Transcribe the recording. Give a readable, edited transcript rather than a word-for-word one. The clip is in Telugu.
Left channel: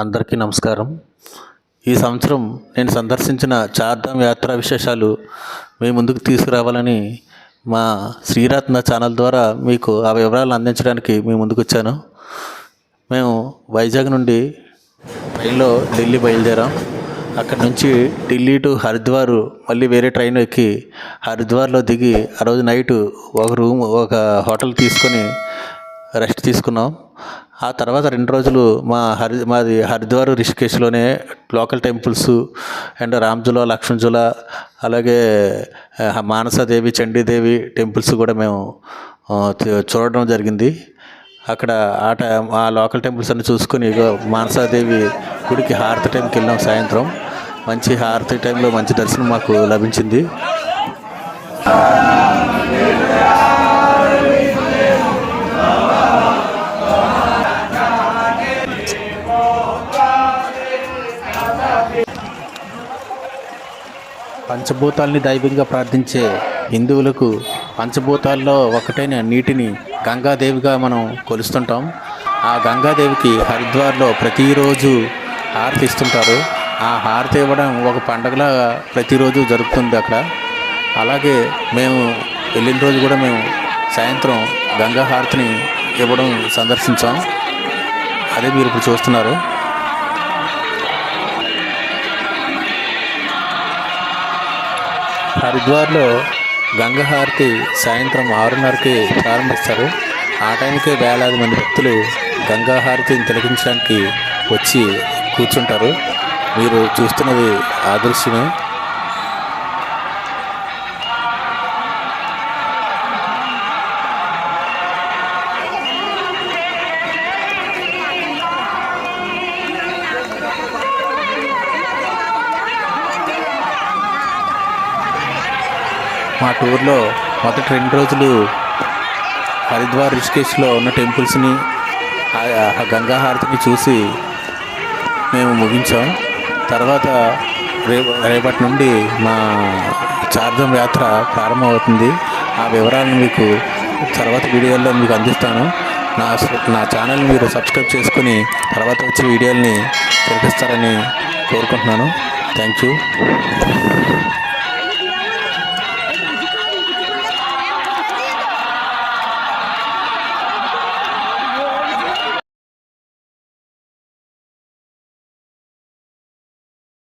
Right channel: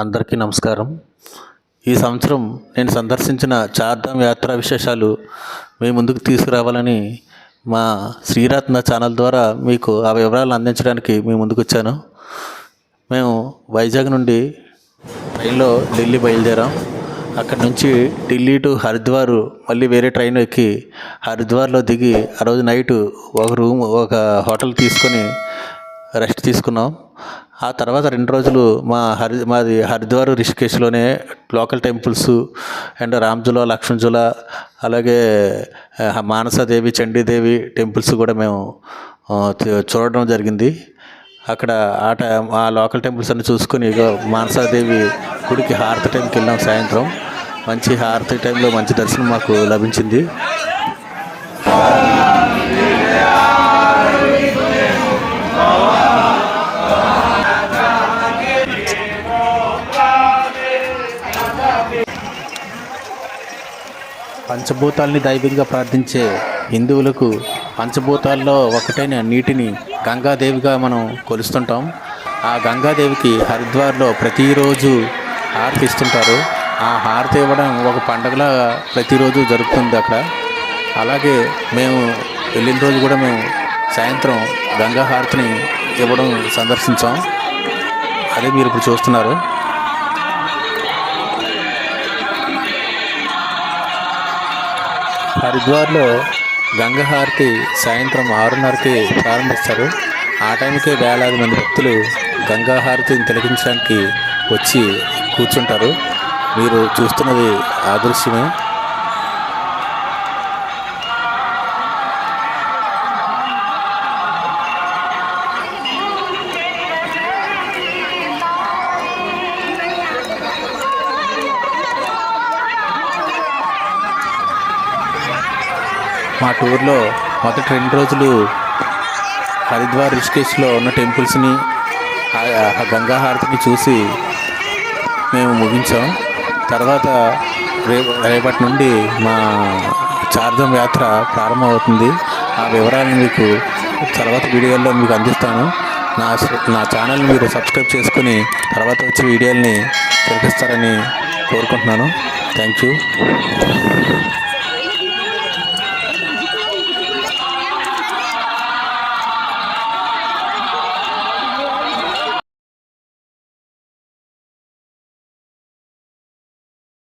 అందరికీ నమస్కారం. ఈ సంవత్సరం నేను సందర్శించిన చార్ధామ్ యాత్రా విశేషాలు మీ ముందుకు తీసుకురావాలని మా శ్రీరత్న ఛానల్ ద్వారా మీకు ఆ వివరాలను అందించడానికి మీ ముందుకు వచ్చాను. మేము వైజాగ్ నుండి ట్రైన్లో ఢిల్లీ బయలుదేరాం. అక్కడి నుంచి ఢిల్లీ టు హరిద్వార్ మళ్ళీ వేరే ట్రైన్ ఎక్కి హరిద్వార్లో దిగి ఆ రోజు నైటు ఒక హోటల్ తీసుకొని రెస్ట్ తీసుకున్నాం. ఆ తర్వాత 2 రోజులు మాది Haridwar రిషికేశ్లోనే local temples and Ram Jhula, లక్ష్మణజులా, అలాగే మానసాదేవి, చండీదేవి టెంపుల్స్ కూడా మేము చూడడం జరిగింది. అక్కడ ఆ లోకల్ టెంపుల్స్ అన్ని చూసుకొని మానసాదేవి గుడికి హారతి టైంకి వెళ్ళాం. సాయంత్రం మంచి హారతి టైంలో మంచి దర్శనం మాకు లభించింది. పంచభూతాల్ని దైవంగా ప్రార్థించే హిందువులకు పంచభూతాల్లో ఒకటైన నీటిని గంగాదేవిగా మనం కొలుస్తుంటాం. ఆ గంగాదేవికి హరిద్వార్లో ప్రతిరోజు హారతి ఇస్తుంటారు. ఆ హారతి ఇవ్వడం ఒక పండగలా ప్రతిరోజు జరుగుతుంది అక్కడ. అలాగే మేము వెళ్ళిన రోజు కూడా మేము సాయంత్రం గంగా హారతిని ఇవ్వడం సందర్శించాం. అదే మీరు ఇప్పుడు చూస్తున్నారు. హరిద్వార్లో గంగా హారతి సాయంత్రం 6:30కి ప్రారంభిస్తారు. ఆ టైంకే వేలాది మంది భక్తులు గంగా హారతిని తిలకించడానికి వచ్చి కూర్చుంటారు. మీరు చూస్తున్నది ఆ దృశ్యమే. మా టూర్లో మొదటి 2 రోజులు హరిద్వార్ రిషికేశ్లో ఉన్న టెంపుల్స్ని, గంగా హారతిని చూసి మేము ముగించాం. తర్వాత రేపటి నుండి మా చార్ధామ్ యాత్ర ప్రారంభమవుతుంది. ఆ వివరాలను మీకు తర్వాత వీడియోల్లో మీకు అందిస్తాను. నా ఛానల్ని మీరు సబ్స్క్రైబ్ చేసుకుని తర్వాత వచ్చే వీడియోల్ని తిలకిస్తారని కోరుకుంటున్నాను. Thank you.